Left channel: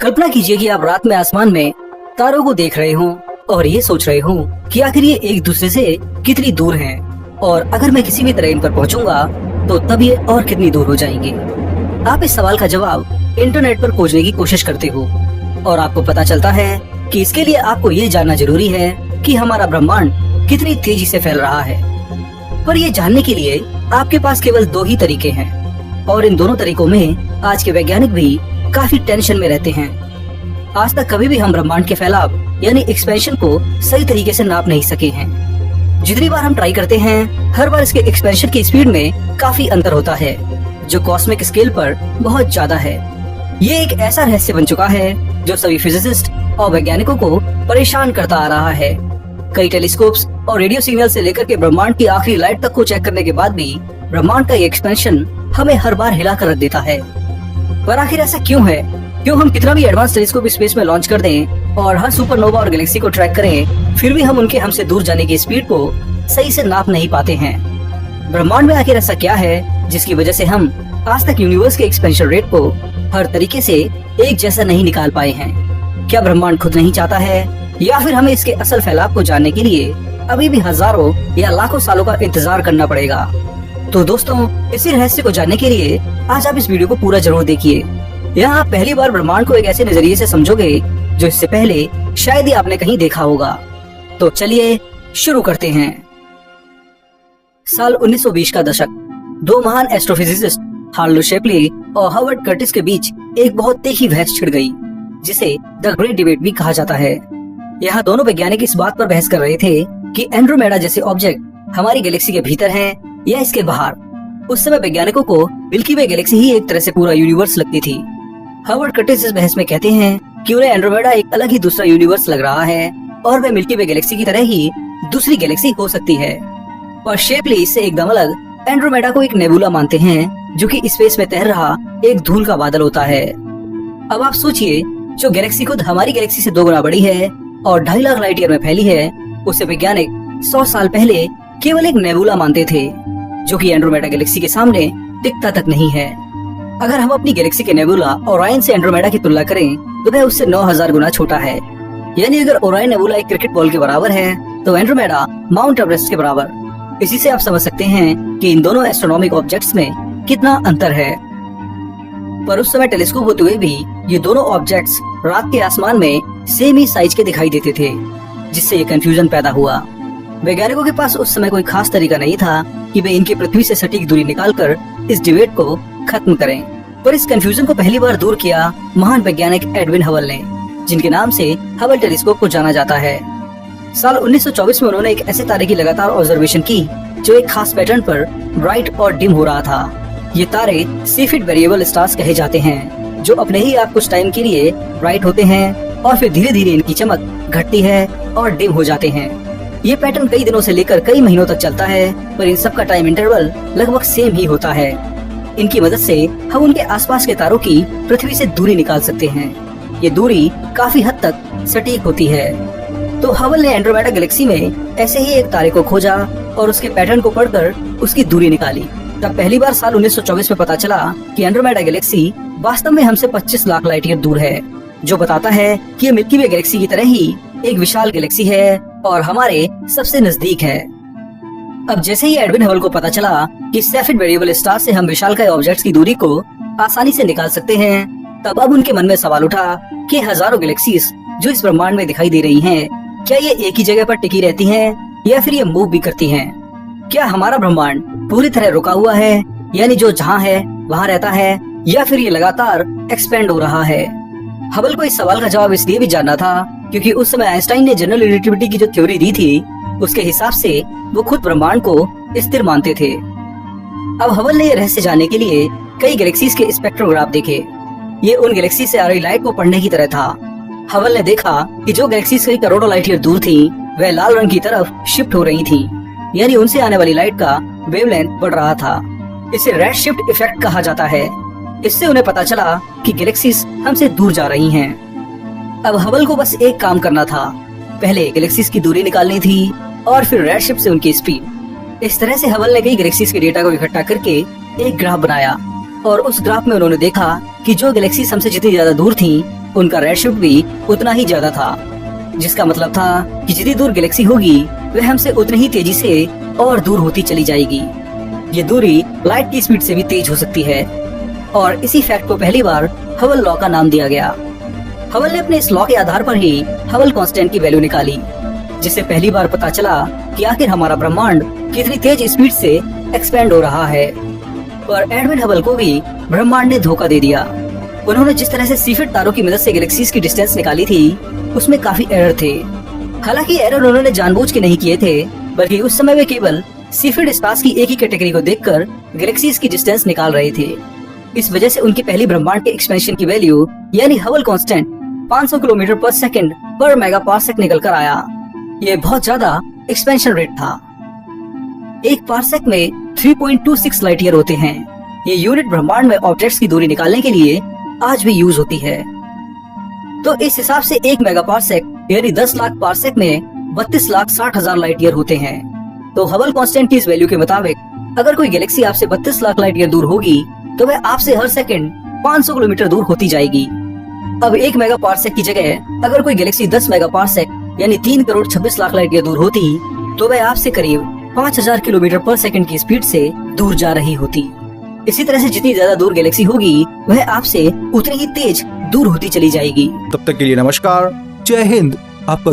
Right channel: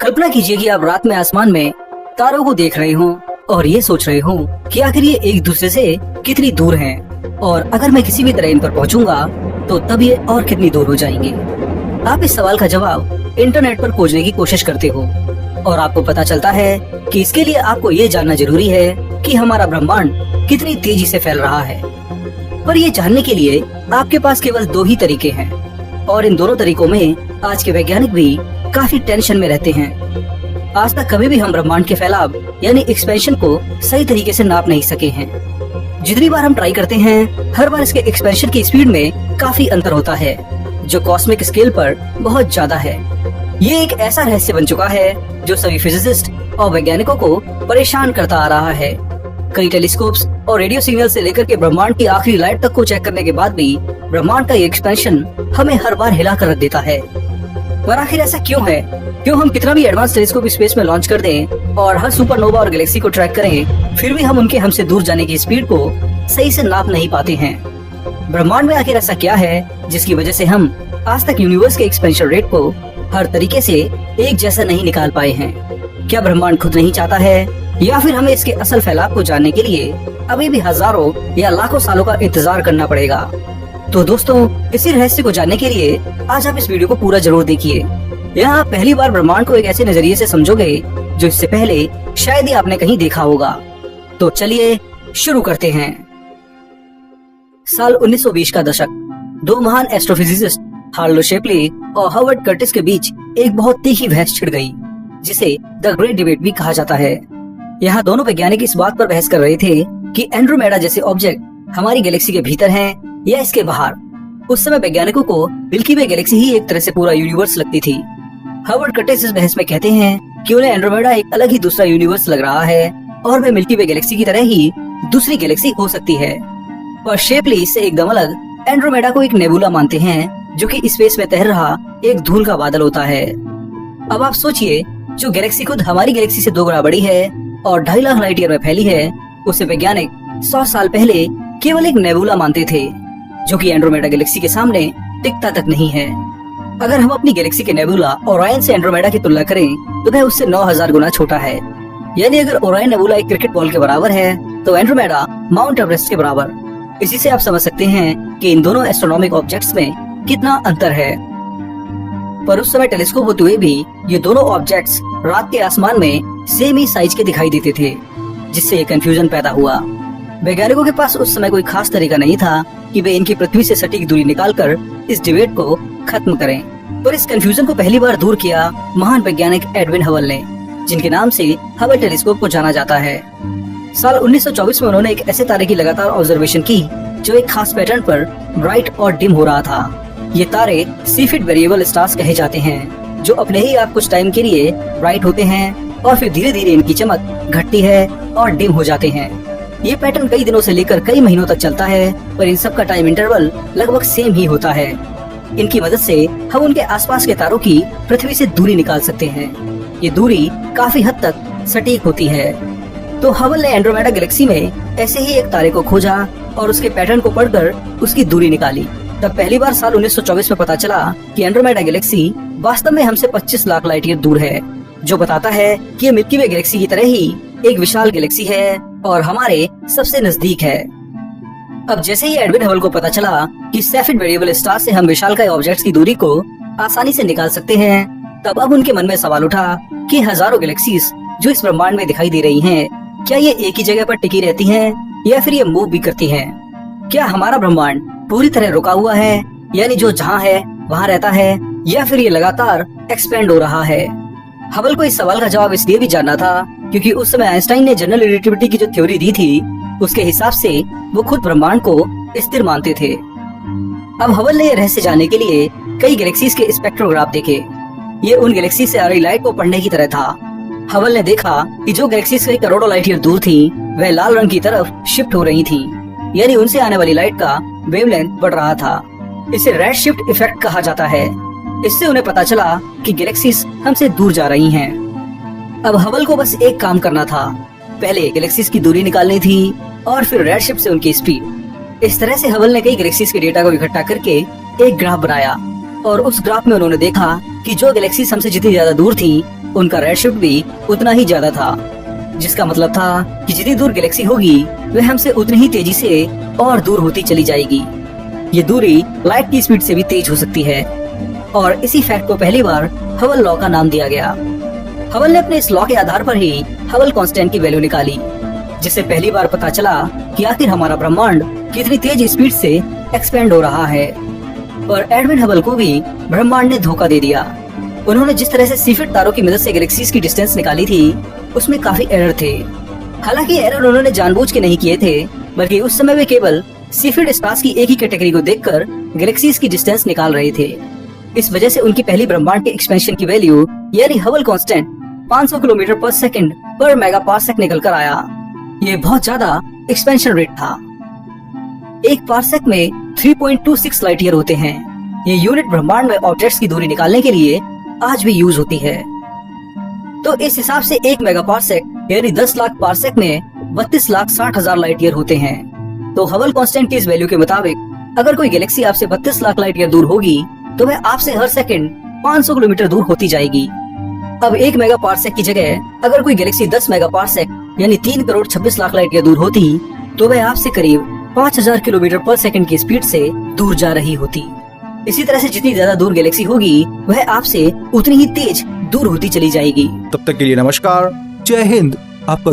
कल्पना कीजिए कि आप रात में आसमान में तारों को देख रहे हो और ये सोच रहे हो कि आखिर ये एक दूसरे से कितनी दूर हैं और अगर मैं किसी भी तरह इन पर पहुंचूंगा तो तब ये और कितनी दूर हो जाएंगे। आप इस सवाल का जवाब इंटरनेट पर खोजने की कोशिश करते हो और आपको पता चलता है कि इसके लिए आपको ये जानना जरूरी है कि हमारा ब्रह्मांड कितनी तेजी से फैल रहा है। पर ये जानने के लिए आपके पास केवल दो ही तरीके हैं और इन दोनों तरीकों में आज के वैज्ञानिक भी काफी टेंशन में रहते हैं। आज तक कभी भी हम ब्रह्मांड के फैलाव यानी एक्सपेंशन को सही तरीके से नाप नहीं सके हैं। जितनी बार हम ट्राई करते हैं हर बार इसके एक्सपेंशन की स्पीड में काफी अंतर होता है जो कॉस्मिक स्केल पर बहुत ज्यादा है। ये एक ऐसा रहस्य बन चुका है जो सभी फिजिसिस्ट और वैज्ञानिकों को परेशान करता आ रहा है। कई टेलीस्कोप्स और रेडियो सिग्नल से लेकर के ब्रह्मांड की आखिरी लाइट तक को चेक करने के बाद भी ब्रह्मांड का ये एक्सपेंशन हमें हर बार हिला कर रख देता है। पर आखिर ऐसा क्यों है? क्यों हम कितना भी एडवांस टेलीस्कोप स्पेस में लॉन्च कर दें और हर सुपरनोवा और गैलेक्सी को ट्रैक करें, फिर भी हम उनके हमसे दूर जाने की स्पीड को सही से नाप नहीं पाते हैं। ब्रह्मांड में आखिर ऐसा क्या है जिसकी वजह से हम आज तक यूनिवर्स के एक्सपेंशन रेट को हर तरीके से एक जैसा नहीं निकाल पाए हैं? क्या ब्रह्मांड खुद नहीं चाहता है या फिर हमें इसके असल फैलाव को जानने के लिए अभी भी हजारों या लाखों सालों का इंतजार करना पड़ेगा? तो दोस्तों, इसी रहस्य को जानने के लिए आज आप इस वीडियो को पूरा जरूर देखिए। यहाँ आप पहली बार ब्रह्मांड को एक ऐसे नजरिए से समझोगे जो इससे पहले शायद ही आपने कहीं देखा होगा। तो चलिए शुरू करते हैं। साल 1920 का दशक, दो महान एस्ट्रोफिजिसिस्ट हार्लो शेप्ले और हर्बर्ट कर्टिस के बीच एक बहुत तीखी बहस छिड़ गई, जिसे द ग्रेट डिबेट भी कहा जाता है। यहाँ दोनों वैज्ञानिक इस बात पर बहस कर रहे थे कि एंड्रोमेडा जैसे ऑब्जेक्ट हमारी गैलेक्सी के भीतर हैं या इसके बाहर। उस समय वैज्ञानिकों को मिल्की वे गैलेक्सी ही एक तरह से पूरा यूनिवर्स लगती थी। हर्बर्ट कर्टिस इस बहस में कहते हैं कि उन्हें एंड्रोमेडा एक अलग ही दूसरा यूनिवर्स लग रहा है और वे मिल्की वे गैलेक्सी की तरह ही दूसरी गैलेक्सी हो सकती है। और शेप्ले इससे एकदम अलग एंड्रोमेडा को एक नेबुला मानते हैं जो कि स्पेस में तैर रहा एक धूल का बादल होता है। अब आप सोचिए, जो गैलेक्सी खुद हमारी गैलेक्सी से 2 गुना बड़ी है और 2.5 लाख लाइट ईयर में फैली है, उसे वैज्ञानिक 100 साल पहले केवल एक नेबुला मानते थे जो कि एंड्रोमेडा गैलेक्सी के सामने टिकता तक नहीं है। अगर हम अपनी गैलेक्सी के नेबुला ओरायन से एंड्रोमेडा की तुलना करें तो वह उससे 9000 गुना छोटा है। यानी अगर ओरायन नेबुला एक क्रिकेट बॉल के बराबर है तो एंड्रोमेडा माउंट एवरेस्ट के बराबर। इसी से आप समझ सकते हैं कि इन दोनों एस्ट्रोनॉमिक ऑब्जेक्ट्स में कितना अंतर है। पर उस समय टेलीस्कोप होते हुए भी ये दोनों ऑब्जेक्ट्स रात के आसमान में सेम ही साइज के दिखाई देते थे, जिससे ये कंफ्यूजन पैदा हुआ। वैज्ञानिकों के पास उस समय कोई खास तरीका नहीं था कि वे इनकी पृथ्वी से सटीक दूरी निकालकर इस डिबेट को खत्म करें। पर इस कंफ्यूजन को पहली बार दूर किया महान वैज्ञानिक एडविन हबल ने, जिनके नाम से हबल टेलीस्कोप को जाना जाता है। साल 1924 में उन्होंने एक ऐसे तारे की लगातार ऑब्जर्वेशन की जो एक खास पैटर्न पर ब्राइट और डिम हो रहा था। ये तारे सेफिड वेरिएबल स्टार्स कहे जाते हैं, जो अपने ही आप कुछ टाइम के लिए ब्राइट होते हैं और फिर धीरे धीरे इनकी चमक घटती है और डिम हो जाते हैं। ये पैटर्न कई दिनों से लेकर कई महीनों तक चलता है, पर इन सब का टाइम इंटरवल लगभग सेम ही होता है। इनकी मदद से हम उनके आसपास के तारों की पृथ्वी से दूरी निकाल सकते हैं। ये दूरी काफी हद तक सटीक होती है। तो हबल ने एंड्रोमेडा गैलेक्सी में ऐसे ही एक तारे को खोजा और उसके पैटर्न को पढ़कर उसकी दूरी निकाली। तब पहली बार साल 1924 में पता चला कि एंड्रोमेडा गैलेक्सी वास्तव में हमसे 25 लाख लाइट ईयर दूर है, जो बताता है कि ये मिल्की वे गैलेक्सी की तरह ही एक विशाल गैलेक्सी है और हमारे सबसे नजदीक है। अब जैसे ही एडविन हबल को पता चला कि सेफिड वेरिएबल स्टार से हम विशालकाय ऑब्जेक्ट्स की दूरी को आसानी से निकाल सकते हैं, तब अब उनके मन में सवाल उठा कि हजारों गैलेक्सीज जो इस ब्रह्मांड में दिखाई दे रही हैं, क्या ये एक ही जगह पर टिकी रहती हैं या फिर ये मूव भी करती हैं? क्या हमारा ब्रह्मांड पूरी तरह रुका हुआ है, यानी जो जहाँ है वहाँ रहता है, या फिर ये लगातार एक्सपेंड हो रहा है? हबल को इस सवाल का जवाब इसलिए भी जानना था क्योंकि उस समय आइंस्टाइन ने जनरल रिलेटिविटी की जो थ्योरी दी थी, उसके हिसाब से वो खुद ब्रह्मांड को स्थिर मानते थे। अब हबल ने यह रहस्य जानने के लिए कई गैलेक्सीज के स्पेक्ट्रोग्राफ देखे। ये उन गैलेक्सी से आ रही लाइट को पढ़ने की तरह था। हबल ने देखा कि जो गैलेक्सीज कई करोड़ों लाइट ईयर दूर थी, वह लाल रंग की तरफ शिफ्ट हो रही थी, यानी उनसे आने वाली लाइट का वेवलेंथ बढ़ रहा था। इसे रेड शिफ्ट इफेक्ट कहा जाता है। इससे उन्हें पता चला कि गैलेक्सीज हमसे दूर जा रही हैं। अब हबल को बस एक काम करना था, पहले गैलेक्सीज की दूरी निकालनी थी और फिर रेड शिफ्ट से उनकी स्पीड। इस तरह से हबल ने कई गैलेक्सीज के डेटा को इकट्ठा करके एक ग्राफ बनाया और उस ग्राफ में उन्होंने देखा कि जो गैलेक्सीज हमसे जितनी ज्यादा दूर थी, उनका रेडशिफ्ट भी उतना ही ज्यादा था, जिसका मतलब था कि जितनी दूर गैलेक्सी होगी वह हमसे उतनी ही तेजी से और दूर होती चली जाएगी। ये दूरी लाइट की स्पीड से भी तेज हो सकती है और इसी फैक्ट को पहली बार हबल लॉ का नाम दिया गया। हबल ने अपने इस लॉ के आधार पर ही हबल कांस्टेंट की वैल्यू निकाली, जिससे पहली बार पता चला कि आखिर हमारा ब्रह्मांड कितनी तेज स्पीड से एक्सपेंड हो रहा है। और एडविन हबल को भी ब्रह्मांड ने धोखा दे दिया। उन्होंने जिस तरह से सीफिट तारों की मदद से गैलेक्सीज की डिस्टेंस निकाली थी उसमें काफी एरर थे। हालांकि एरर उन्होंने जानबूझ के नहीं किए थे, बल्कि उस समय वे केवल सीफिट स्पेस की एक ही कैटेगरी को देखकर गैलेक्सीज की डिस्टेंस निकाल रहे थे। इस वजह से उनकी पहली ब्रह्मांड के एक्सपेंशन की वैल्यू यानी हबल कांस्टेंट 500 किलोमीटर पर सेकंड पर मेगा पार्सेक निकल कर आया। ये बहुत ज्यादा एक्सपेंशन रेट था। एक पार्सेक में 3.26 लाइट ईयर होते हैं। ये यूनिट ब्रह्मांड में ऑब्जेक्ट्स की दूरी निकालने के लिए आज भी यूज होती है। तो इस हिसाब से 1 मेगा पार्सेक यानी 10 लाख पार्सेक में 32,60,000 लाइट ईयर होते हैं। तो हबल कांस्टेंट की इस वैल्यू के मुताबिक अगर कोई गैलेक्सी आपसे 32 लाख लाइट ईयर दूर होगी तो वह आपसे हर सेकंड 500 किलोमीटर दूर होती जाएगी। अब 1 मेगा पार्सेक की जगह अगर कोई गैलेक्सी 10 मेगा पार्सेक यानी 3 करोड़ 26 लाख लाइट ईयर दूर होती तो वह आपसे करीब 5000 किलोमीटर पर सेकंड की स्पीड से दूर जा रही होती। इसी तरह से जितनी ज्यादा दूर गैलेक्सी होगी वह आपसे उतनी ही तेज दूर होती चली जाएगी। तब तक के लिए नमस्कार, जय हिंद। आपका